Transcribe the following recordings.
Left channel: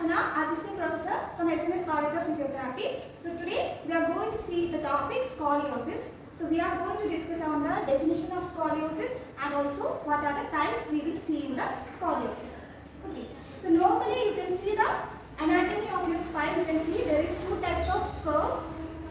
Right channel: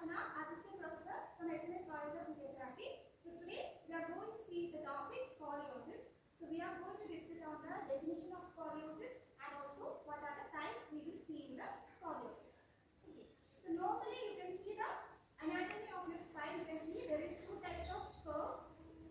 Archana, Assistant Professor from SNS College of Physiotherapy. So today we are going to see the topic scoliosis. So we are going to discuss on the definition of scoliosis and also what are the types we will see in the scoliosis. Okay. So normally you can see the anatomy of your spine. You can see there is two types of curve.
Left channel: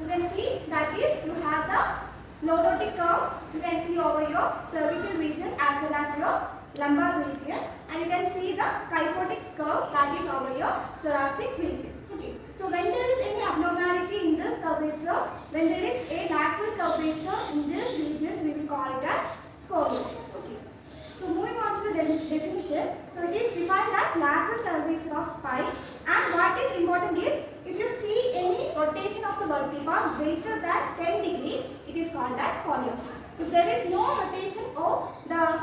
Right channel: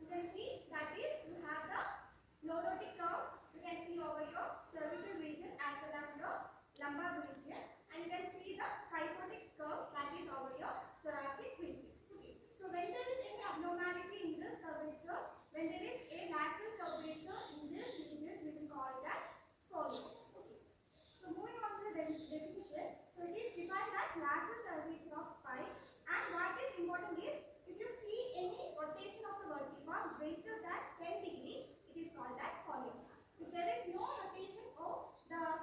You can see that is you have the lordotic curve. You can see over your cervical region as well as your lumbar region, and you can see the kyphotic curve that is over your thoracic region. Okay. So when there is any abnormality in this curvature, when there is a lateral curvature in these regions, we will call it as scoliosis. Okay. So moving on to the definition. So it is defined as lateral curvature of spine, and what is important is if you see any rotation of the vertebra greater than 10 degree, it is called as scoliosis. If there is no rotation or the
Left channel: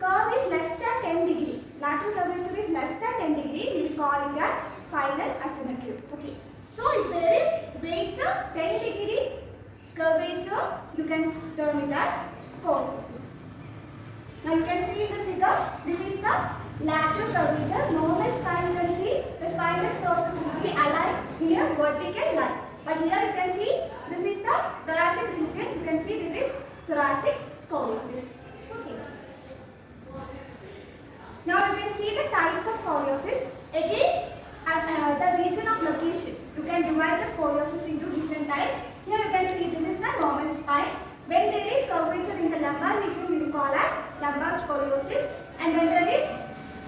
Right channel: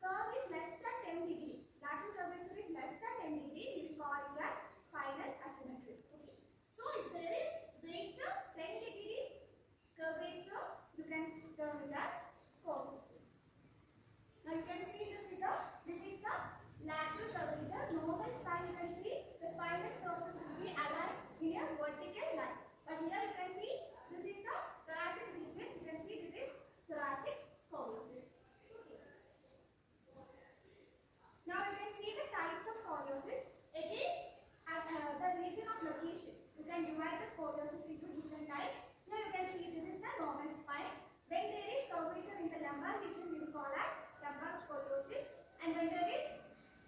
curve is less than 10 degree, lateral curvature is less than 10 degree, we will call it as spinal asymmetry. Okay. So if there is greater 10 degree curvature, you can term it as scoliosis. Now you can see in the figure, this is the lateral curvature. Normal spine, you can see the spinous process will be aligned in a vertical line. But here you can see this is the thoracic region. You can see this is thoracic scoliosis. Okay. Now you can see the types of scoliosis. Again, at the region of location, you can divide the scoliosis into different types. Here you can see this is the normal spine. When there is curvature in the lumbar region, we will call as lumbar scoliosis. And when there is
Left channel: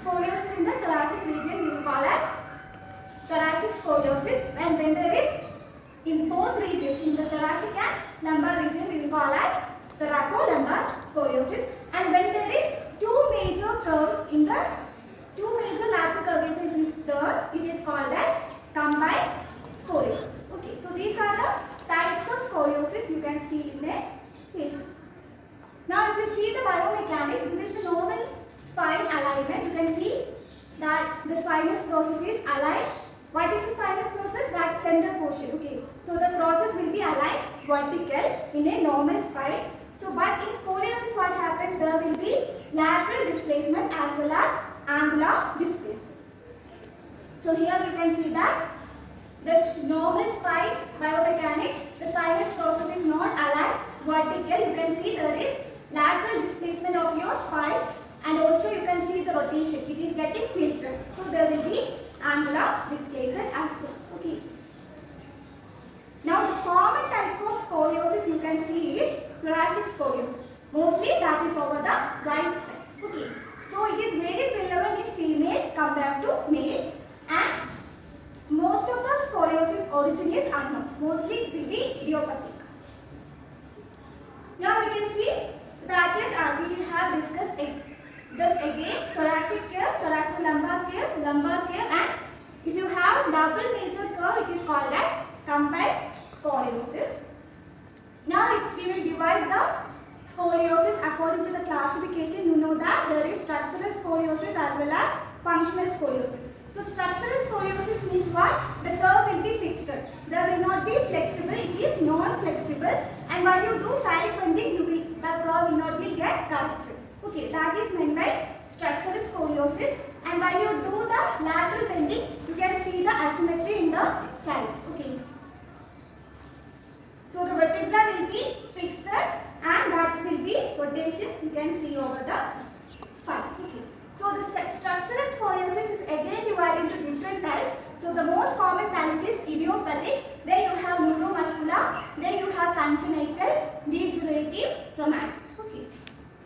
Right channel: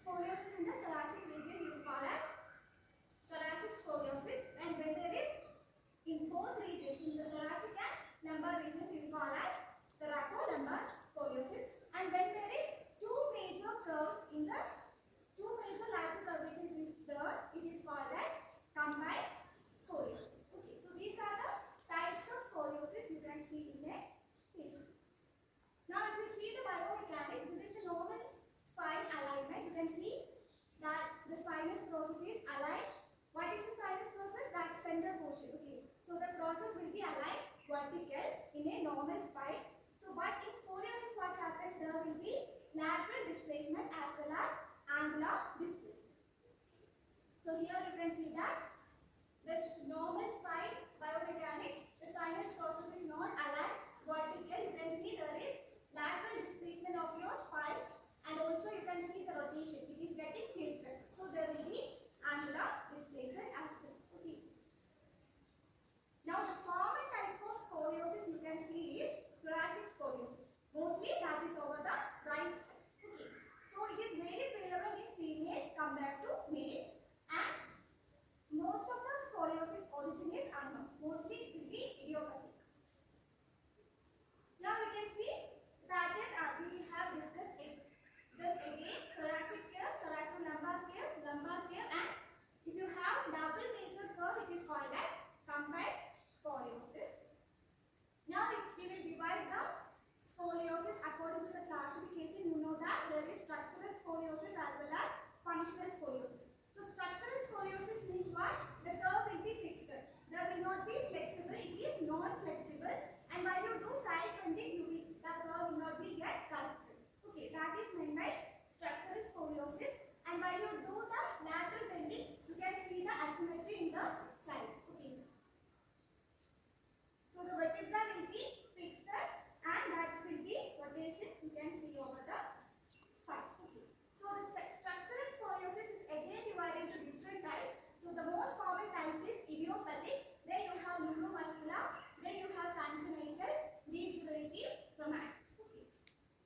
scoliosis in the thoracic region, we will call as thoracic scoliosis. And when there is in both regions, in the thoracic and lumbar region, we will call as thoracolumbar scoliosis. And when there is two major curves in the two major lateral curvature is there, it is called as combined scoliosis. Okay, so these are the types of scoliosis you can see in a patient. Now if you see the biomechanics, this is the normal spine alignment. You can see that the spinous process is aligned. What is the spinous process? That center portion. Okay, so the process will be aligned vertical in a normal spine. So but in scoliosis what happens, there will be lateral displacement as well as angular displacement. So here you can see that this normal spine biomechanics, the spinous process is not aligned vertical. You can see there is lateral displacement of your spine, and also you can see the rotation. It is getting tilted. So there will be angular displacement as well. Okay. Now the common type of scoliosis you can see is thoracic scoliosis. Mostly that is over the right side. Okay. So it is very prevalent in females compared to males, and most of the scoliosis origin is unknown. Mostly it will be idiopathic. Now we can see the patterns as we have discussed this again: thoracic curve, thoracolumbar curve, lumbar curve, and if you have double major curve, it is called as combined scoliosis. Now we will divide the scoliosis according to the classification. You know that there is structural scoliosis as well as functional scoliosis. So structural scoliosis means what? The curve will be fixed. There will not be flexible. It is non-flexible. And while you do side bending, the curve will not be get corrected. Okay, that is meant by structural scoliosis. And while you do the lateral bending, you can see the asymmetry in the sides. Okay. So the vertebra will be fixed, and that will be rotation. You can see over the spine. Okay. So the structural scoliosis is again divided into different types. So the most common type is idiopathic. Then you have neuromuscular. Then you have congenital, degenerative, traumatic. Okay.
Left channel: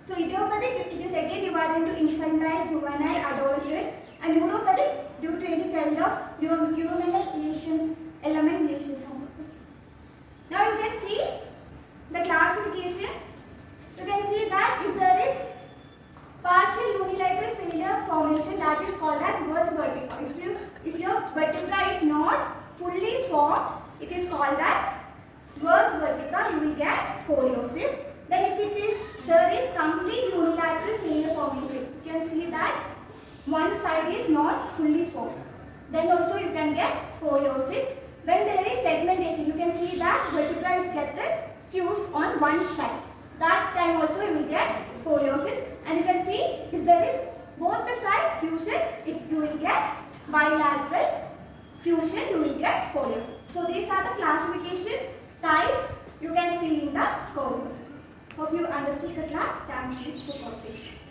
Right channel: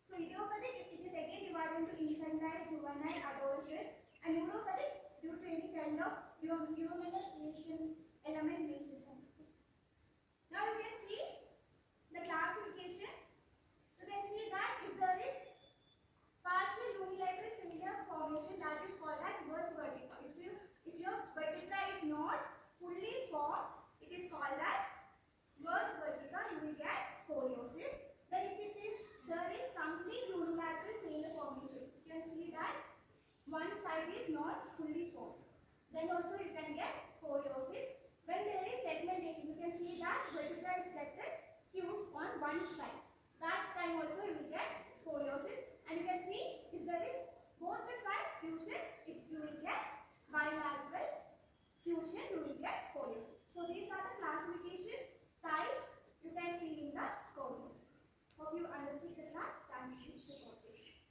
So idiopathic, it is again divided into infantile, juvenile, adolescent, and neuropathic due to any kind of juvenile lesions, element lesions. Now you can see the classification. You can see that if there is partial unilateral failure formation, that is called as Wirtz vertebra. If your vertebra is not fully formed, it is called as Wirtz vertebra. You will get scoliosis. Then if there is complete unilateral failure formation, you can see that one side is not fully formed. Then also you can get scoliosis. When there is segmentation, you can see that vertebra is get fused on one side. That time also you will get scoliosis. And you can see if there is both the side fusion, you will get bilateral, fusion, you will get scoliosis. So these are the classifications, types you can see in the scoliosis. Hope you understood the class. Thank you for cooperation.